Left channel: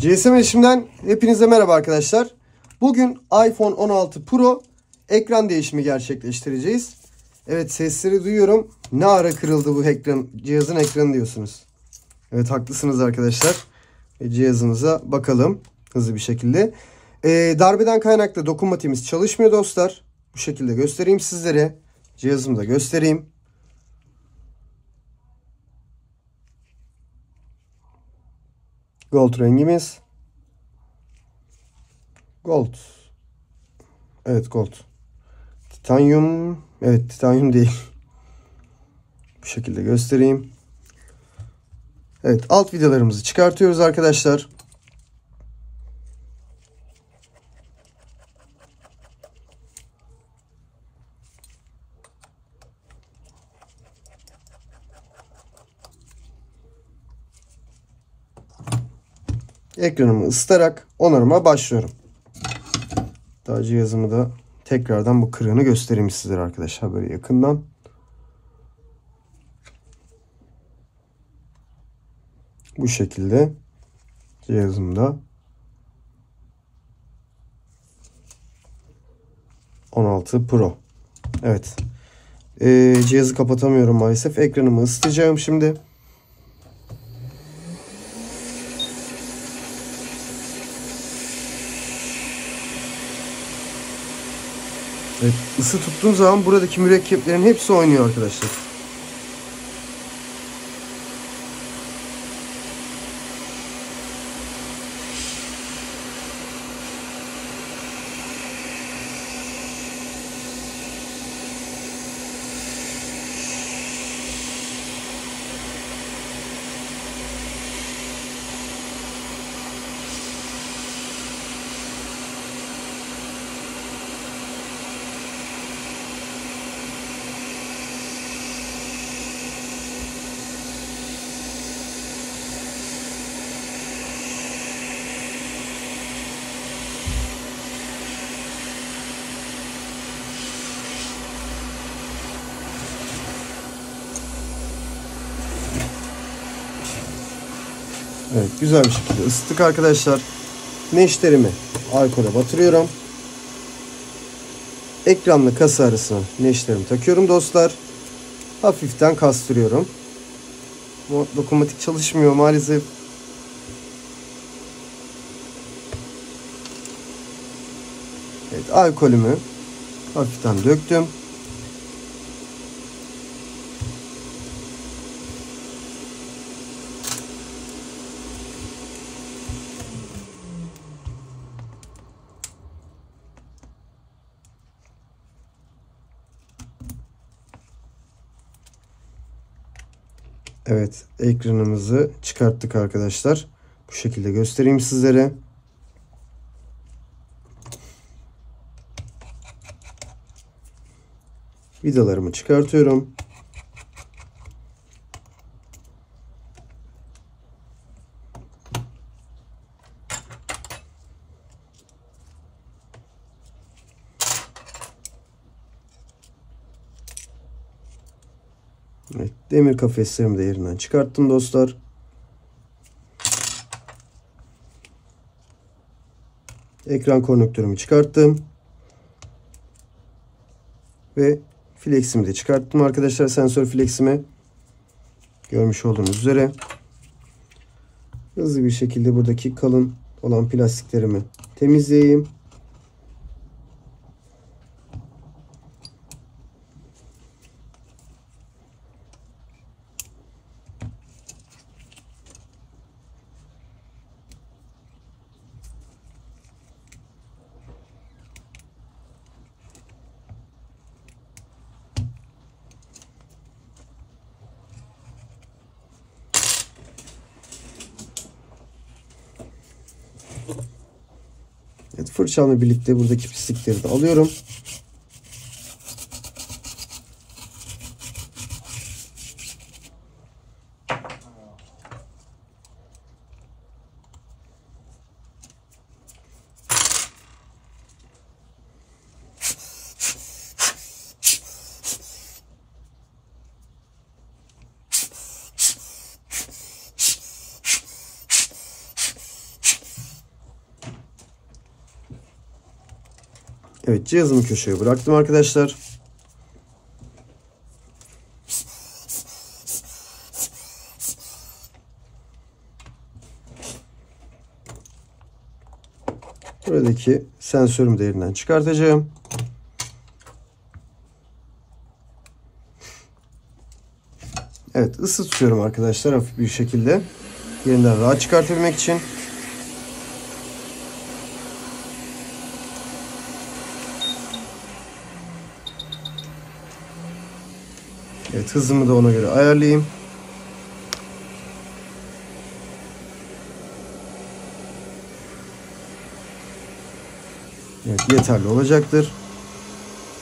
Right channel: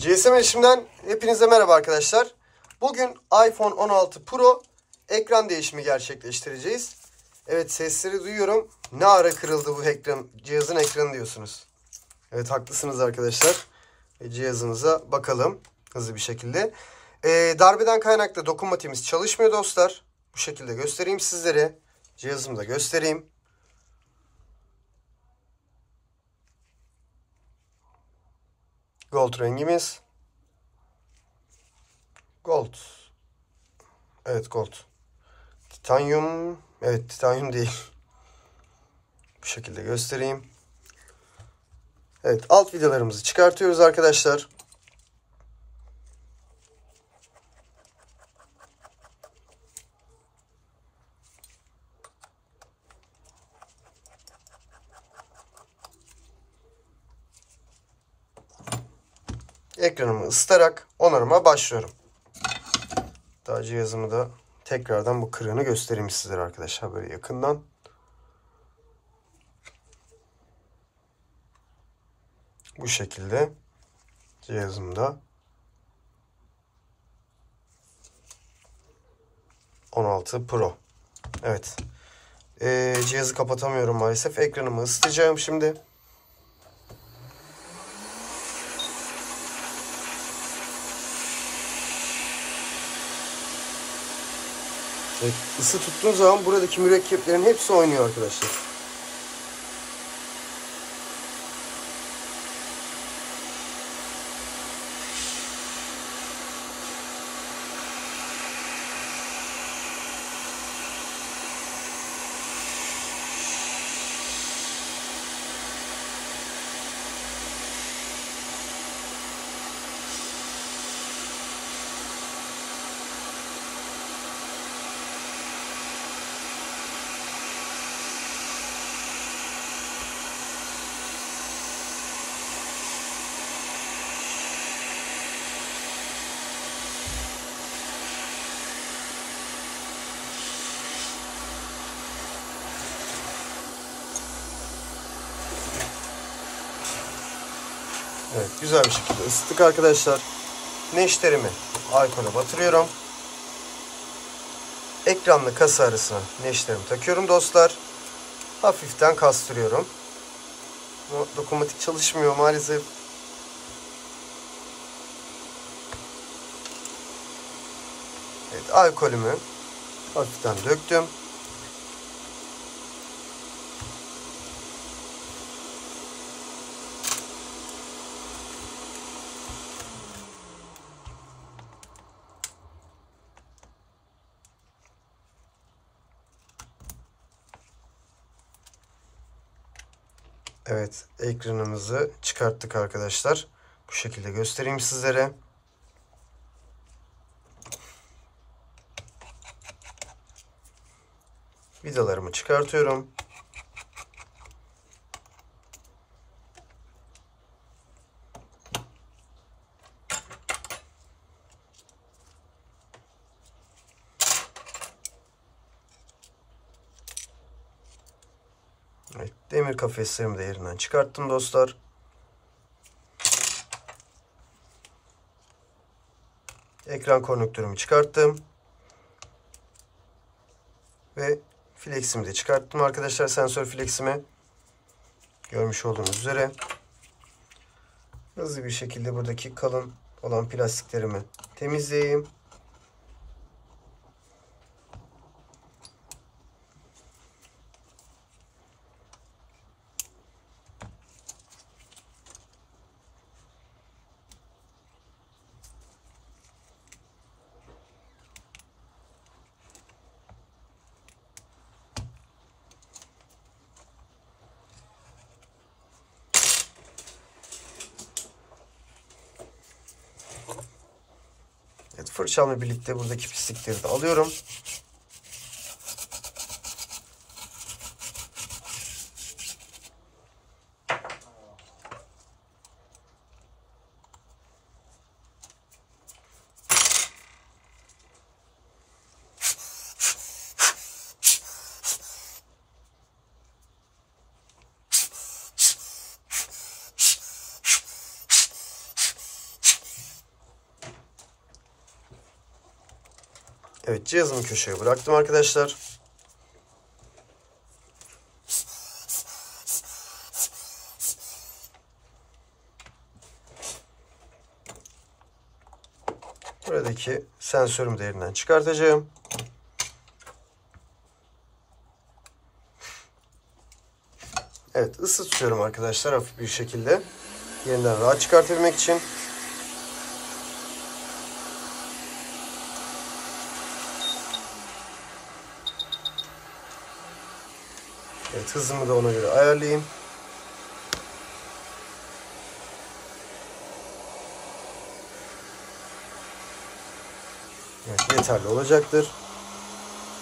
GSM Erişim'den hepinize merhaba arkadaşlar. Bugün iPhone 16 Pro ekran değişimi gerçekleştireceğiz. Evet, sesleri duyuyorum. Ne ara kırıldı bu cihazın ekranı diyorsunuz. Evet, haklısınız arkadaşlar. Cihazımıza bakalım hızlı bir şekilde. Darbeden kaynaklı dokunmatiğimiz çalışmıyor dostlar. Bu şekilde göstereyim sizlere. Cihazımı da göstereyim. Gold rengimiz. Gold. Evet, gold. Titanyum. Evet, titanyum değil. Bu şekilde göstereyim. Evet, alt vidalarımızı çıkartıyoruz arkadaşlar. Ekranımı ısıtarak onarıma başlıyorum. Daha cihazımı da tekrardan bu kırığını göstereyim sizlere arkadaşlar, böyle yakından. Bu şekilde cihazımda 16 Pro. Evet. Cihazı kapatamıyorum maalesef. Ekranımı ısıtacağım şimdi. Evet, ısı tuttuğu zaman buradaki mürekkeplerin hepsi oynuyor arkadaşlar. Evet, güzel bir şekilde ısıttık arkadaşlar. Neşterimi alkole batırıyorum. Ekranla kasa arasına neşterimi takıyorum dostlar. Hafiften kastırıyorum. Bu dokunmatik çalışmıyor maalesef. Evet, alkolümü hafiften döktüm. Evet, ekranımızı çıkarttık arkadaşlar. Bu şekilde göstereyim sizlere. Vidalarımı çıkartıyorum. Evet, demir kafeslerimi de yerinden çıkarttım dostlar. Ekran konnektörümü çıkarttım. Ve fleximi de çıkarttım arkadaşlar, sensör fleximi. Görmüş olduğunuz üzere. Hızlı bir şekilde buradaki kalın olan plastiklerimi temizleyeyim. Evet, fırçamla birlikte buradaki pislikleri de alıyorum. Evet, cihazımı köşeye bıraktım arkadaşlar. Buradaki sensörümü de yerinden çıkartacağım. Evet, ısı tutuyorum arkadaşlar hafif bir şekilde. Yerinden rahat çıkartabilmek için. Evet, hızımı da ona göre ayarlayayım. Evet, yeterli olacaktır.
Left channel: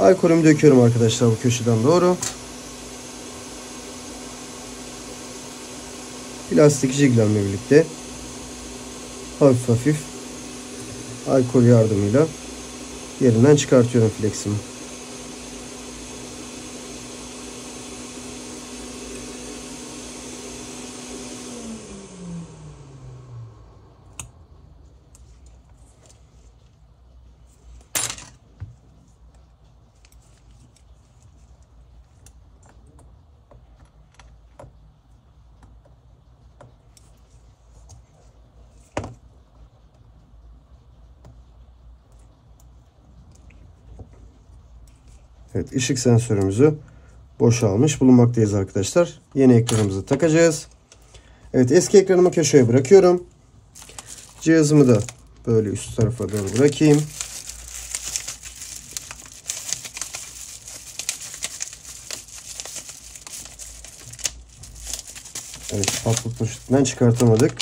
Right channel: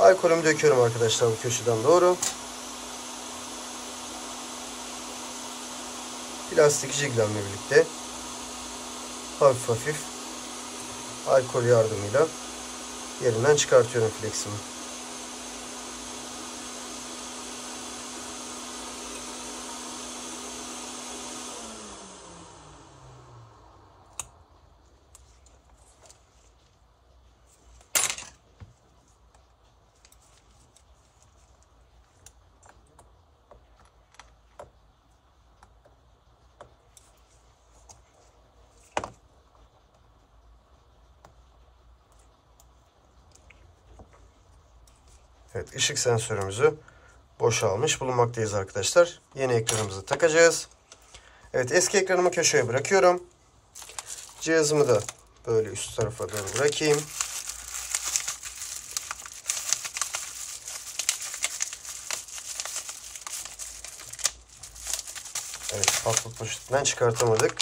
Alkolümü döküyorum arkadaşlar bu köşeden doğru. Plastik jiglemle birlikte hafif hafif alkol yardımıyla yerinden çıkartıyorum fleximi. Evet, ışık sensörümüzü boşalmış bulunmaktayız arkadaşlar. Yeni ekranımızı takacağız. Evet, eski ekranımı köşeye bırakıyorum. Cihazımı da böyle üst tarafa doğru bırakayım. Evet, patlık poşetinden çıkartamadık.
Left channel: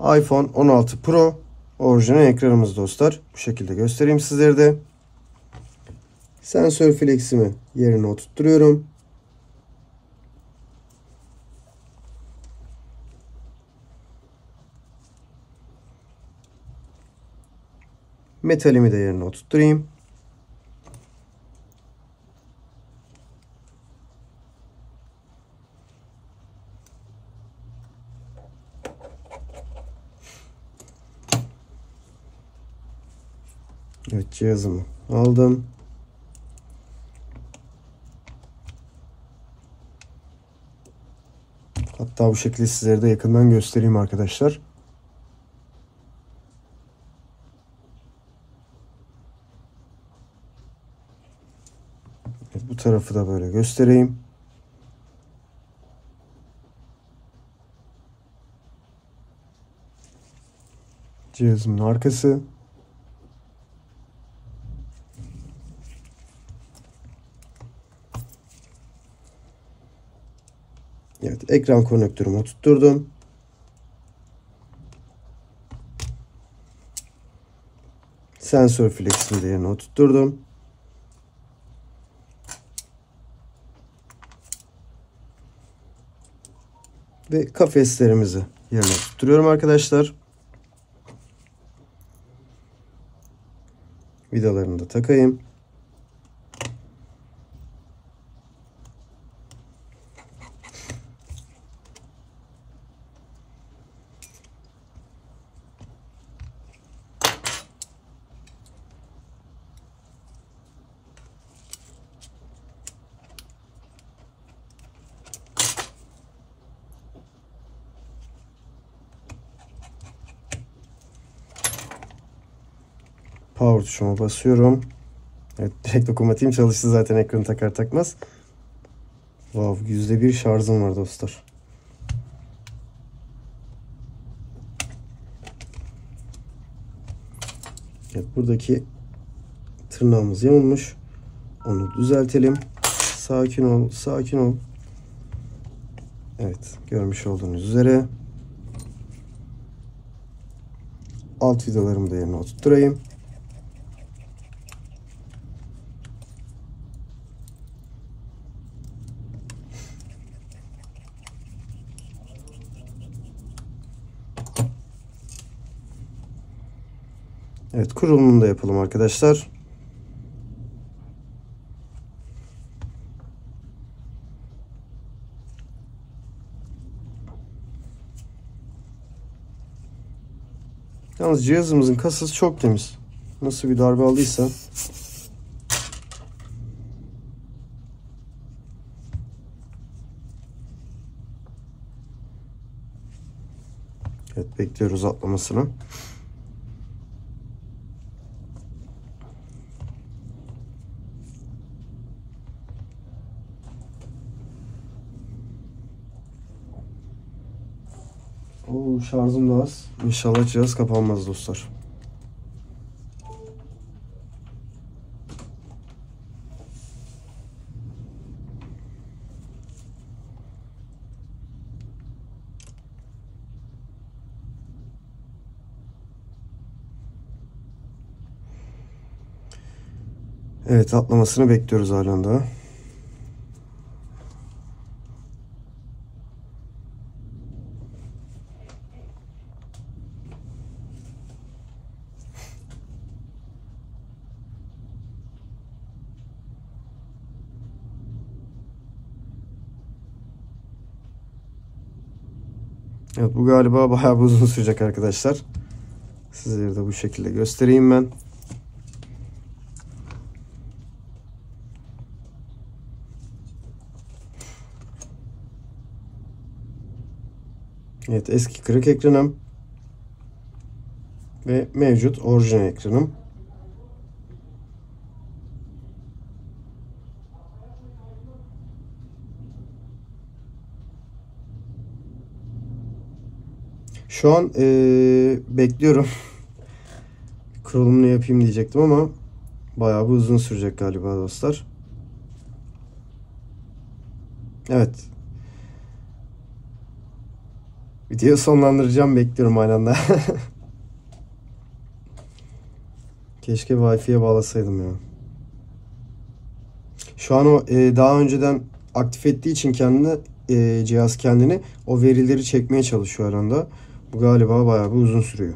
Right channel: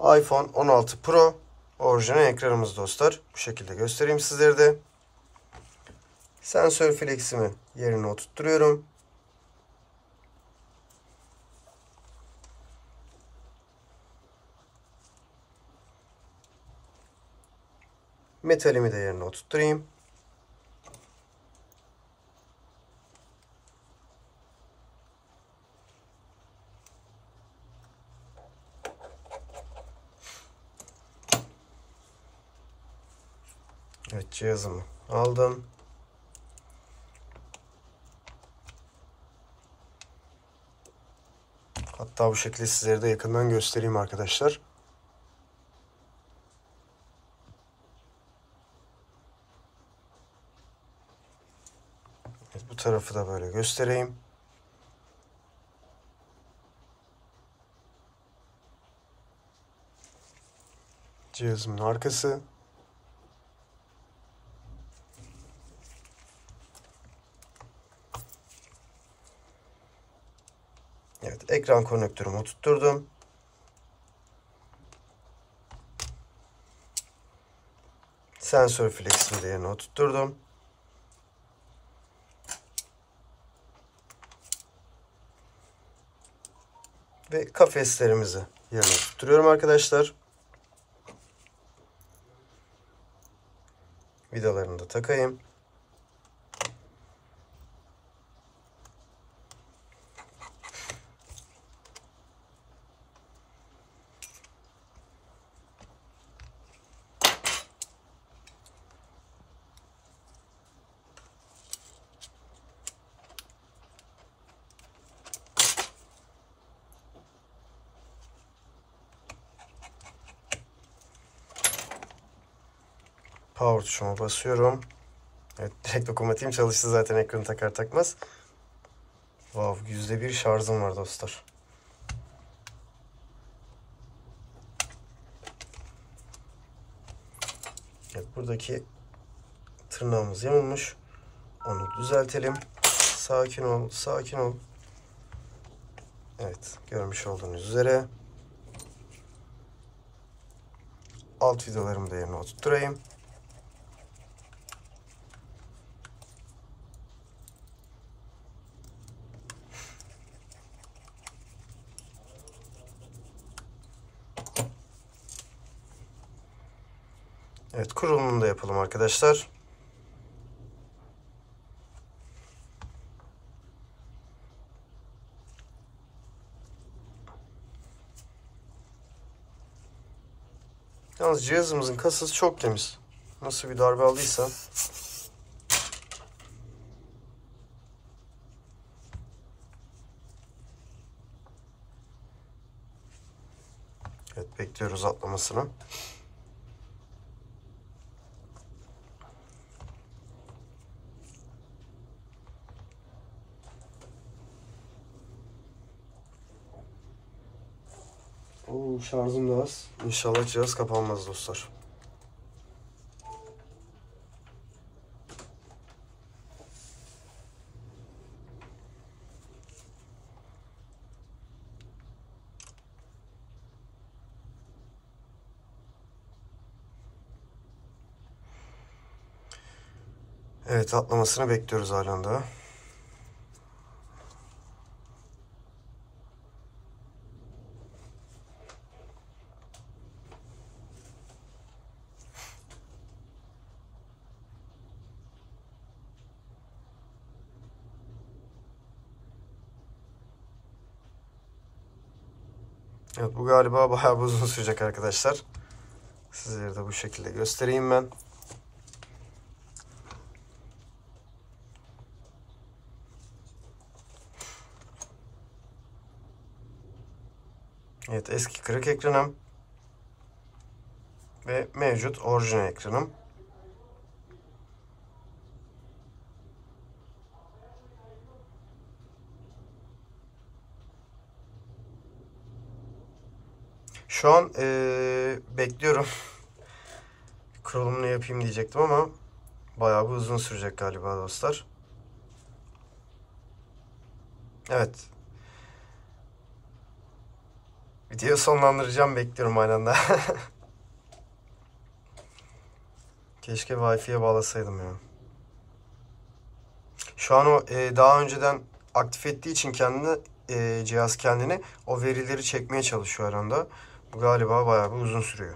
iPhone 16 Pro orijinal ekranımız dostlar. Bu şekilde göstereyim sizlere de. Sensör fleximi yerine oturtturuyorum. Metalimi de yerine oturtturayım. Evet, cihazımı aldım. Hatta bu şekilde sizlere de yakından göstereyim arkadaşlar. Evet, bu tarafı da böyle göstereyim. Cihazımın arkası. Evet, ekran konektörümü oturtturdum. Sensör fleximi de yerine oturtturdum. Ve kafeslerimizi yerine oturtuyorum arkadaşlar. Vidalarını da takayım. Power tuşuma basıyorum. Evet, direkt dokunmatiğim çalıştı zaten ekranı takar takmaz. Wow, %1 şarjım var dostlar. Evet, buradaki tırnağımız yamulmuş. Onu düzeltelim. Sakin ol, sakin ol. Evet, görmüş olduğunuz üzere. Alt vidalarımı da yerine oturtturayım. Evet, kurulumunu da yapalım arkadaşlar. Yalnız cihazımızın kasası çok temiz. Nasıl bir darbe aldıysa. Evet, bekliyoruz atlamasını. Oo, şarjım da az. İnşallah cihaz kapanmaz dostlar. Evet, atlamasını bekliyoruz halen daha. Evet, bu galiba bayağı uzun sürecek arkadaşlar. Sizlere de bu şekilde göstereyim ben. Evet, eski kırık ekranım ve mevcut orijinal ekranım. Şu an bekliyorum. Kurulumunu yapayım diyecektim ama bayağı bir uzun sürecek galiba dostlar. Evet. Videoyu sonlandıracağım, bekliyorum halen de. Keşke Wi-Fi'ye bağlasaydım ya. Şu an o daha önceden aktif ettiği için kendini cihaz kendini o verileri çekmeye çalışıyor anda. Bu galiba bayağı bir uzun sürüyor.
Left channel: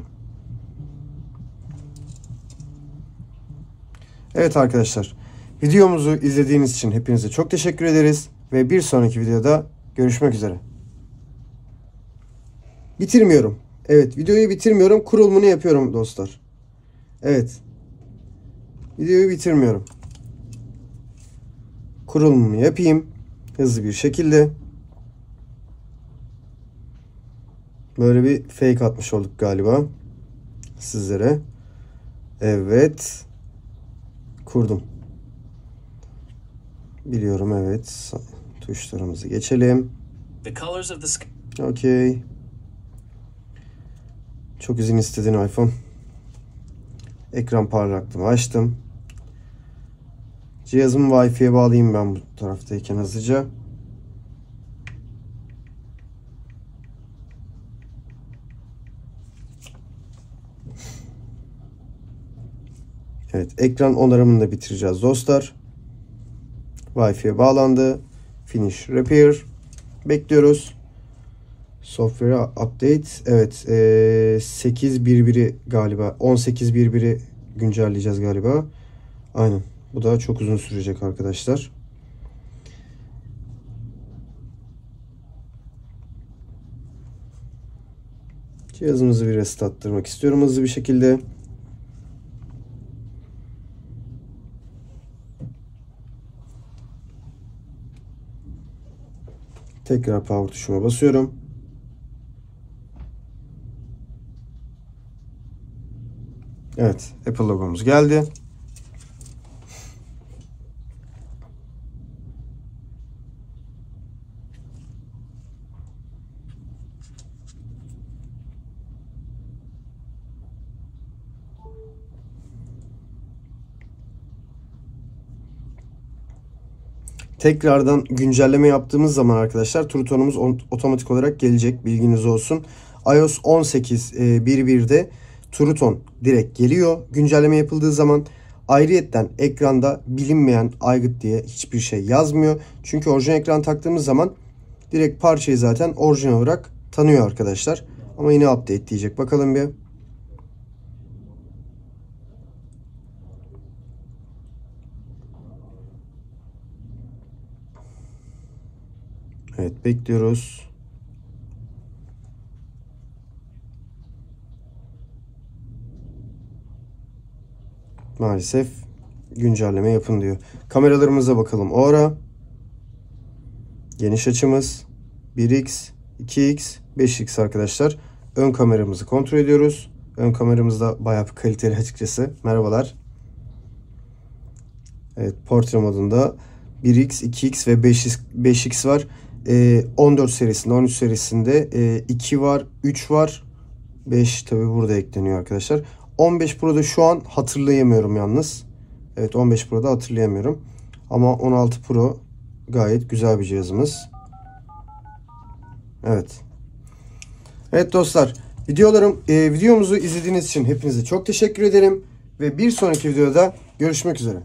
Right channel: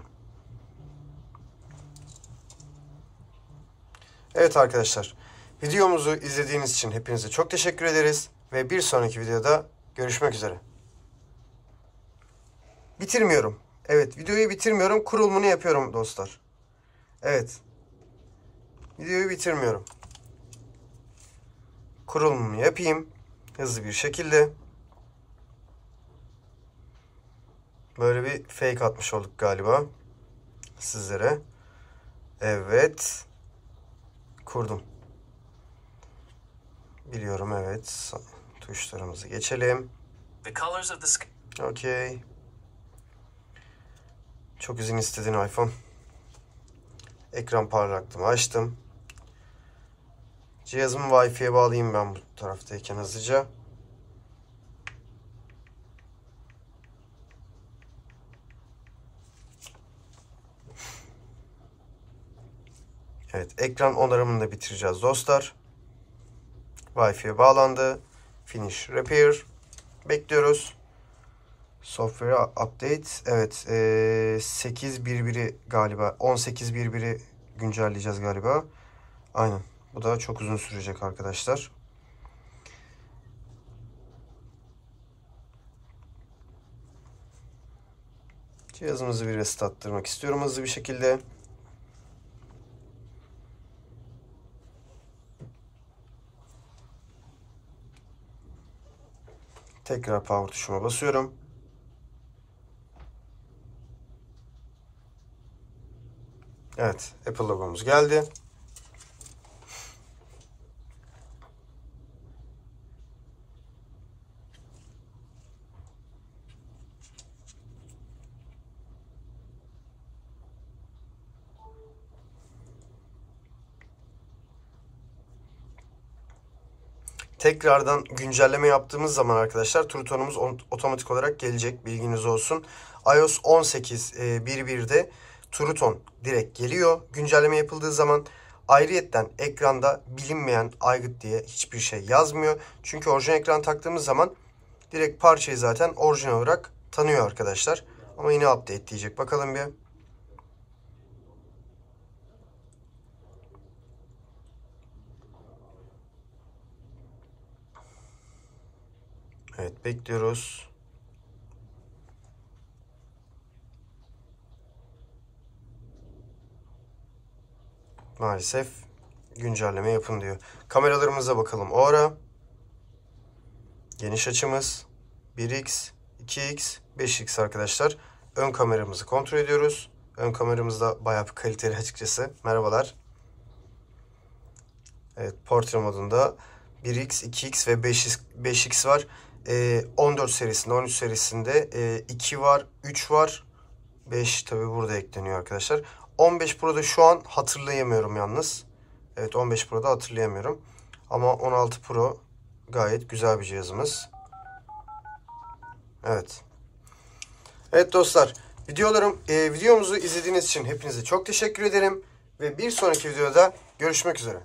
Evet arkadaşlar, videomuzu izlediğiniz için hepinize çok teşekkür ederiz ve bir sonraki videoda görüşmek üzere. Bitirmiyorum. Evet, videoyu bitirmiyorum. Kurulumunu yapıyorum dostlar. Evet. Videoyu bitirmiyorum. Kurulumunu yapayım. Hızlı bir şekilde. Böyle bir fake atmış olduk galiba. Sizlere. Evet. Kurdum. Biliyorum, evet. Tuşlarımızı geçelim. Okey. Çok izin istediğin iPhone. Ekran parlaklığımı açtım. Cihazımı Wi-Fi'ye bağlayayım ben bu taraftayken hızlıca. Evet, ekran onarımını da bitireceğiz dostlar. Wi-Fi'ye bağlandı. Finish repair. Bekliyoruz. Software update. Evet, 8.1.1'i galiba 18.1.1'i güncelleyeceğiz galiba. Aynen. Bu da çok uzun sürecek arkadaşlar. Cihazımızı bir restarttırmak istiyorum hızlı bir şekilde. Tekrar power tuşuma basıyorum. Evet, Apple logomuz geldi. Tekrardan güncelleme yaptığımız zaman arkadaşlar True Tone'umuz otomatik olarak gelecek, bilginiz olsun. iOS 18.1.1'de True Tone direkt geliyor. Güncelleme yapıldığı zaman ayrıyetten ekranda bilinmeyen aygıt diye hiçbir şey yazmıyor. Çünkü orijinal ekran taktığımız zaman direkt parçayı zaten orijinal olarak tanıyor arkadaşlar. Ama yine update diyecek. Bakalım bir. Evet, bekliyoruz. maalesef güncelleme yapın diyor. Kameralarımıza bakalım. O ara geniş açımız 1x, 2x, 5x arkadaşlar. Ön kameramızı kontrol ediyoruz. Ön kameramız da bayağı bir kaliteli açıkçası. Merhabalar. Evet, portre modunda 1x, 2x ve 5x var. 14 serisinde, 13 serisinde 2 var, 3 var. 5 tabi burada ekleniyor arkadaşlar. 15 Pro'da şu an hatırlayamıyorum yalnız. Evet, 15 Pro'da hatırlayamıyorum. Ama 16 Pro gayet güzel bir cihazımız. Evet. Evet dostlar, videomuzu izlediğiniz için hepinize çok teşekkür ederim. Ve bir sonraki videoda görüşmek üzere.